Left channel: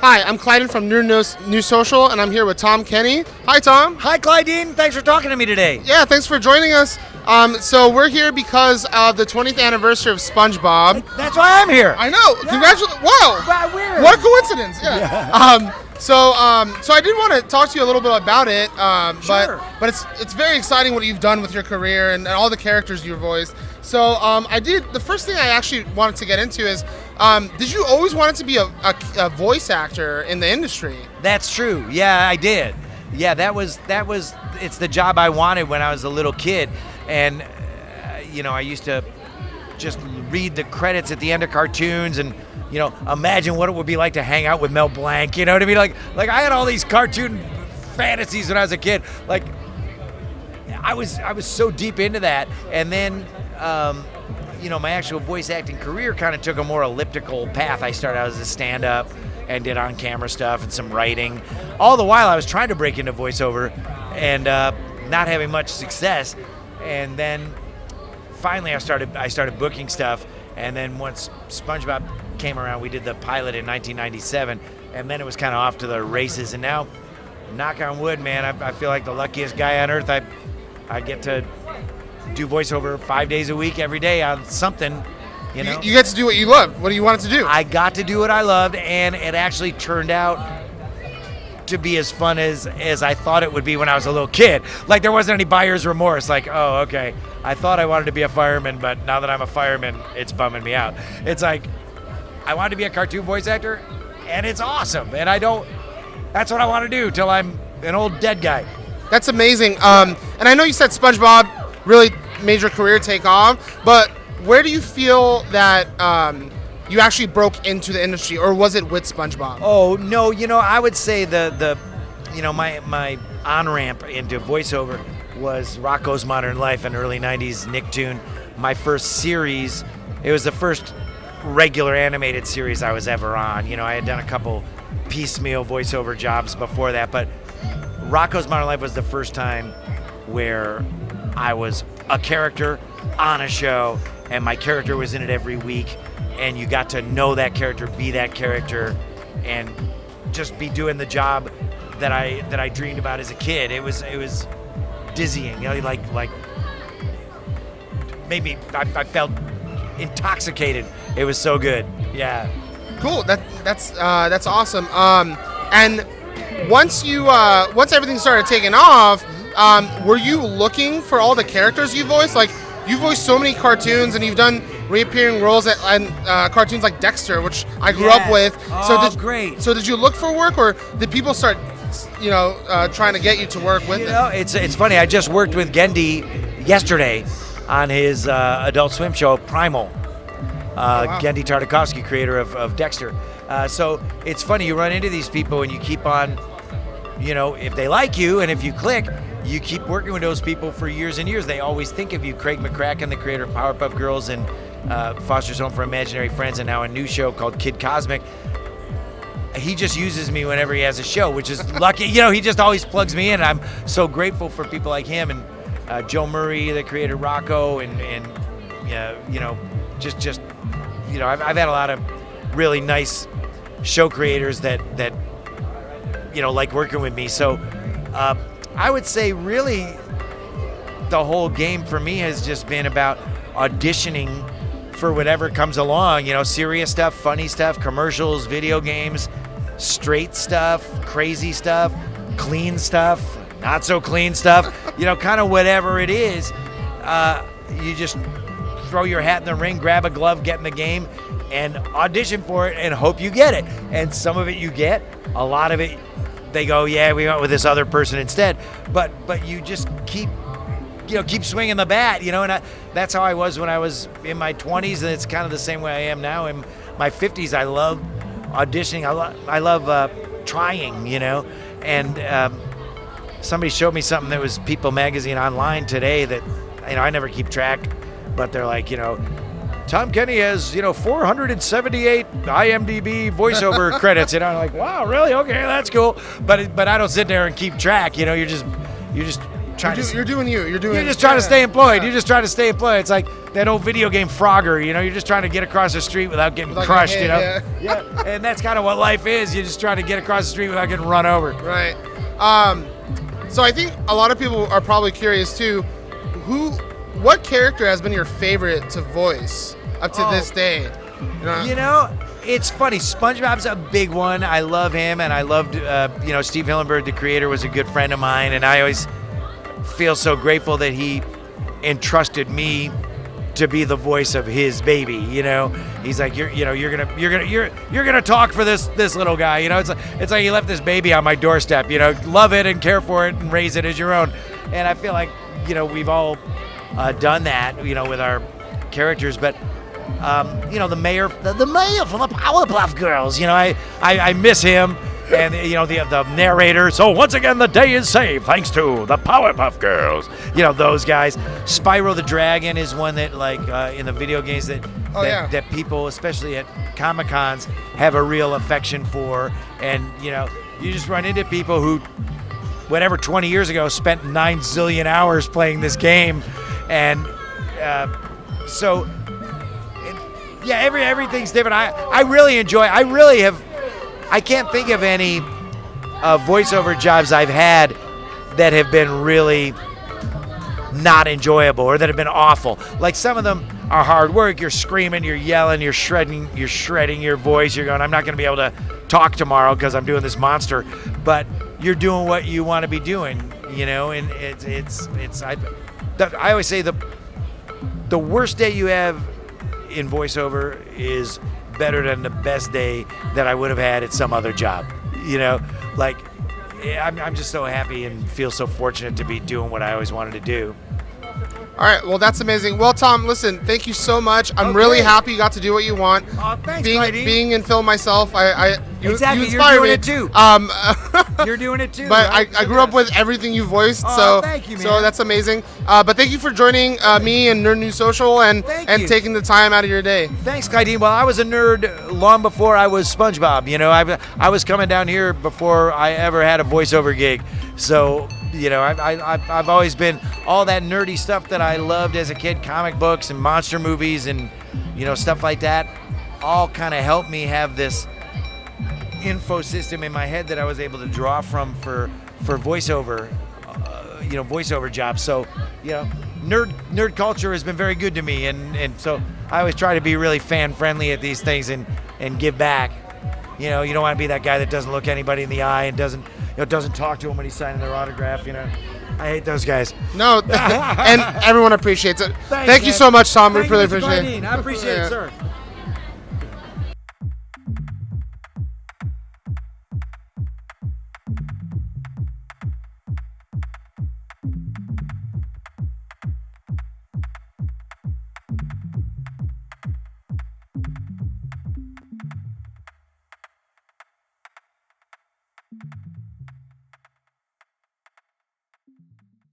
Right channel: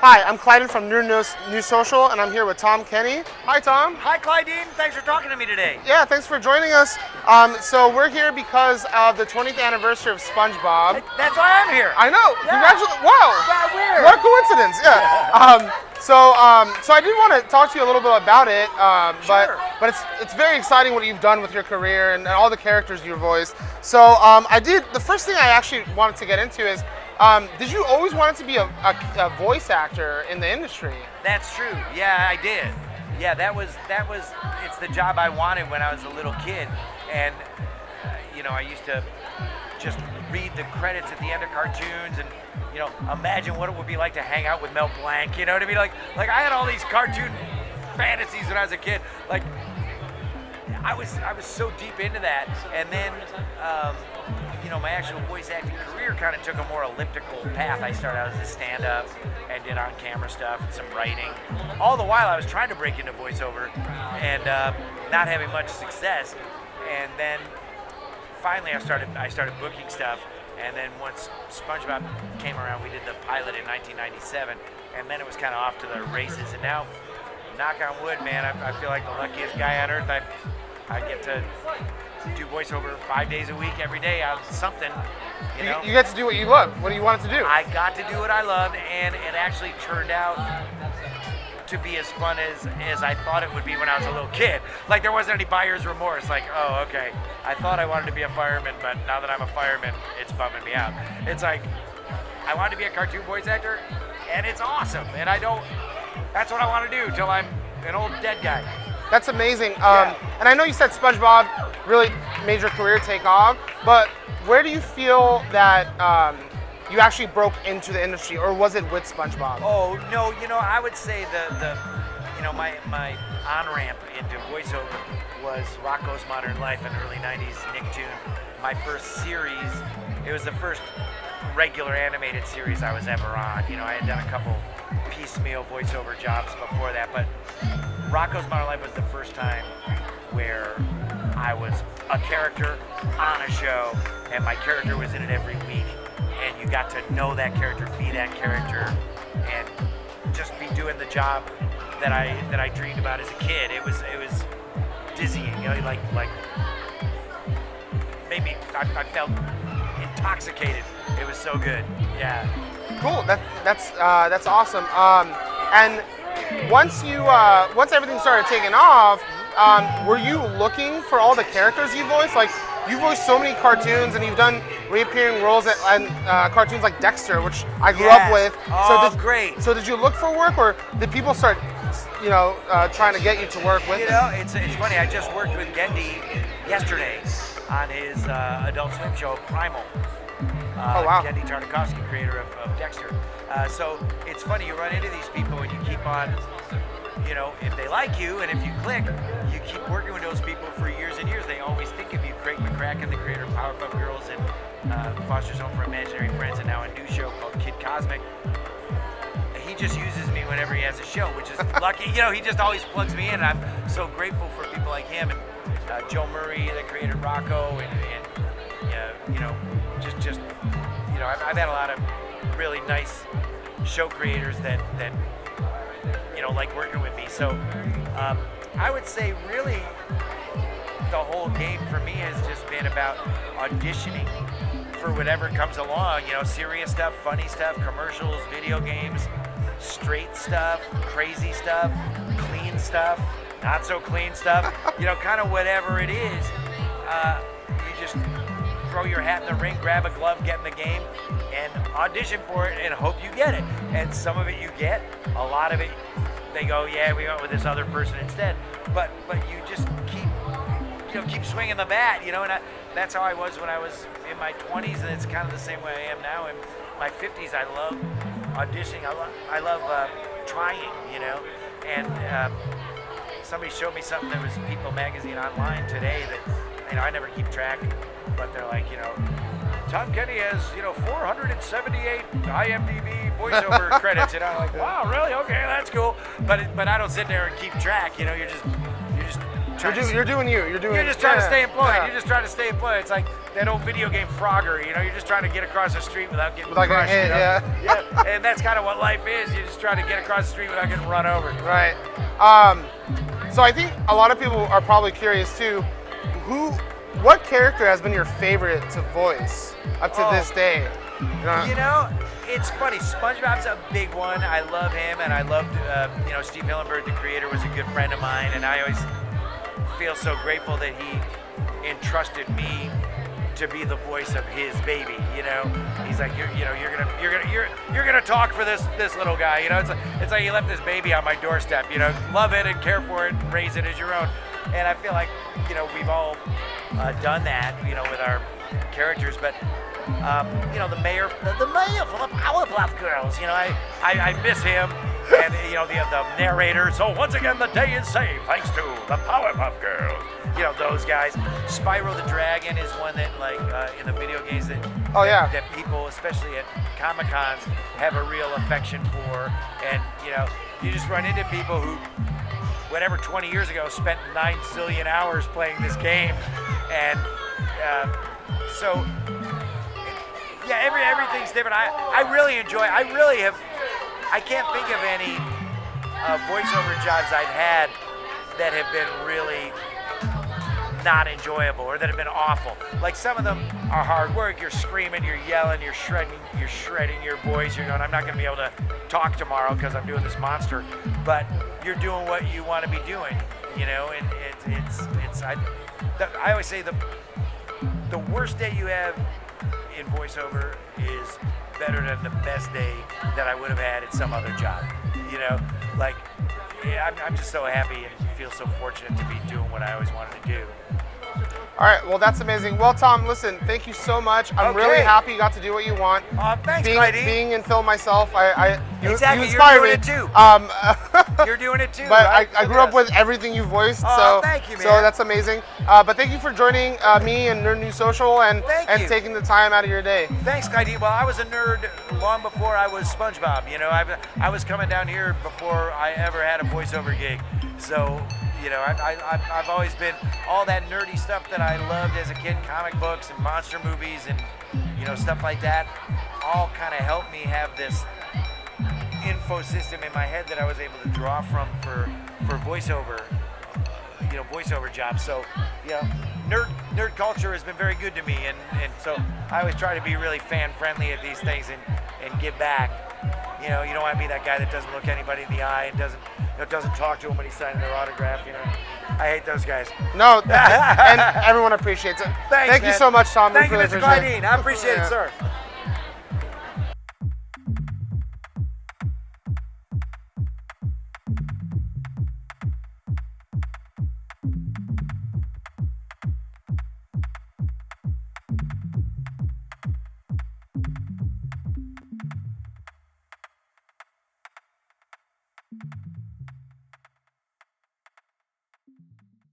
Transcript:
Hi, I'm Clideen from New Social, and I'm here with Tom Kenny. Hi, Tom. Hi, Clideen. Thanks for talking to me today. Yeah, thanks for joining us. So we're here because of the 20th anniversary of SpongeBob. That's why I'm here. I know. Yeah. Congratulations. Wow. Well, weird. What a coincidence. Yeah. So I did want to talk to you a little bit about it, Sure. but it's very exciting what you've done with your career and all the characters you voiced. So the first thing I actually wanted to get into is, did you always want to be a voice actor in the industry? That's true. Yeah, I did. Yeah, that was. It's the job I wanted when I was a little kid, and I used to just read the credits at the end of cartoons and imagine what it would be like to hang out with Mel Blanc. You know what I mean? Like I had all these cartoon fantasies when I was a kid. Like I was so deep into that, and then my actual voice acting career kind of took a more elliptical path. I started out as a stand-up and did on-camera stuff and some writing. All the while I was trying to break into voiceover and not having much success. And then finally I started booking stuff. And then once SpongeBob came around, we did the pilot in 1997, and then it was kind of off to the races. And now, knock on wood, man, I feel like the luckiest guy on earth. I get to do voiceover 5 days a week, every day on something. You get to do what you love. What do you want it to do? I got to do what I loved, and it actually turned out to be as fun as I thought it would be when I was a little kid. Like, there wasn't any buyer's remorse. Like, oh, okay, I thought I wanted to be a fireman, but now that I'm a fireman, it's bumming me out. It's like, I wanted to be a cartoon voice actor, and it's awesome. And that's what I want to do till I'm an old dead guy. That's amazing. And I know you said SpongeBob really made your career take off, but where do you feel that you actually broke into the industry, or was it with SpongeBob? Oh no, I would say my on-ramp into voiceover was Rocko's Modern Life, an early 90s Nicktoon. My first series, it was the first regular animated series I was ever on. I had done a couple piecemeal voiceover jobs before that, but Rocko's Modern Life was the first time where I was a character on a show, and my character was in it every week, and you got to know that character, be that character, and just be doing the job that I dreamed about as a kid. It was dizzying, like made me. I felt intoxicated. It was so good. Yeah. Cool. That's awesome. And once everything started taking off, were you looking for all the characters you voiced? Like, you voiced so many cartoons, and you've done reappearing roles at cartoons like Dexter, which I grew up with. Great. So did you look for work, or did people start, trying to get you to work with it? It's funny. I just worked with Gendy yesterday on his Adult Swim show, Primal. Wow. Gendy Tartakovsky, creator of Dexter. So it's funny, you run into these people and you keep on, if they like you and if you click, you keep working with those people for years and years. They always think of you. Craig McCracken, the creator of Powerpuff Girls and Foster's Home for Imaginary Friends, and now a new show called Kid Cosmic. He just uses me whenever he has a show, which is lucky. He just always plugs me in. I'm so grateful for people like him, and Joe Murray, the creator of Rocco, and I've had a lot of really nice show creators that like working with me. So I would say really the whole game for me has just been about auditioning for whatever comes along, serious stuff, funny stuff, commercials, video games, straight stuff, crazy stuff, clean stuff, not so clean stuff, kind of whatever it is. You just throw your hat in the ring, grab a glove, get in the game, and audition for it and hope you get it. And some of it you get, a lot of it they go, yeah, we went with this other person instead. But you just keep swinging the bat, and that's how I was when I was in my 20s, and it's kind of the same way I am now. In my 50s, I love auditioning. I love trying, and somebody showed me something that was People Magazine online today that, I never keep track, but they're like, Tom Kenny has, 478 IMDb voiceover credits, and I'm like, wow, really? Okay, that's cool. But I don't sit there and keep track. You just trying You're doing you. You're just trying to stay employed. Yeah. You're just trying to stay employed. It's like that old video game Frogger. You know, you're just trying to get across the street without getting crushed. You know? Yeah. And that's kind of what life is. You're just trying to get across the street without getting run over. Right. So I think a lot of people are probably curious too. What character has been your favorite to voice up to this day? You know, it's funny. SpongeBob's a big one. I love him, and I loved, Steve Hillenburg, the creator, was a good friend of mine, and I always feel so grateful that he entrusted me to be the voice of his baby. You know, he's like, you're gonna talk for this little guy. You know, it's like you left this baby on my doorstep. You know, love it and care for it and raise it as your own. And I feel like, we've all done that, with our characters, but. The mayor from the Powerpuff Girls. I miss him, and the narrator. So once again, the day is saved thanks to the Powerpuff Girls. Those guys. Spyro the Dragon is one that, in the video games that people, especially at Comic-Cons, have a real affection for, and you just run into people who, 20 years ago, spent 9 zillion hours playing this game, and so. Yeah, everything's different. I really enjoy. I can't think of any voiceover jobs I've had that have been really not enjoyable or that have been awful. Like, some of them are hard work. You're screaming, you're yelling, you're shredding your voice. You're going, I'm not going to be able to talk tomorrow because I'm doing this monster. But you're doing what you want to be doing, And I always say the worst day you have in voiceover is better than the best day that I would have had at some other job. I'm just so happy and feel so fortunate to be doing what I always wanted to do. All right, well, that's amazing. Well, Tom, listen, thank you so much. I'm really happy you got to do what you want. Thanks, being in film myself, exactly, you you're doing me. it too. You're doing it too. But I grew up with everything you voiced, so thank you, man. So that's amazing. But thank you for joining me and Nerd News Social and taking the time out of your day. Thanks, Clideen. Well, I was a nerd long before I was SpongeBob. I was coming down here before I ever had a voiceover gig. So, I've always been all that nerdy stuff that I loved as a kid, comic books and monster movies and, stuff like that, all kind of helped me have this info system in my head that I was able to draw from for voiceover, voiceover jobs. So, nerd culture has been very good to me, and so I always try to be really fan friendly at these things and give back. You don't want to be that guy that doesn't look anybody in the eye and doesn't talk to them when he's signing their autograph. I hate those guys. No, and everyone appreciates it. Thank you so much, Tom. We really appreciate it. I appreciate it, sir.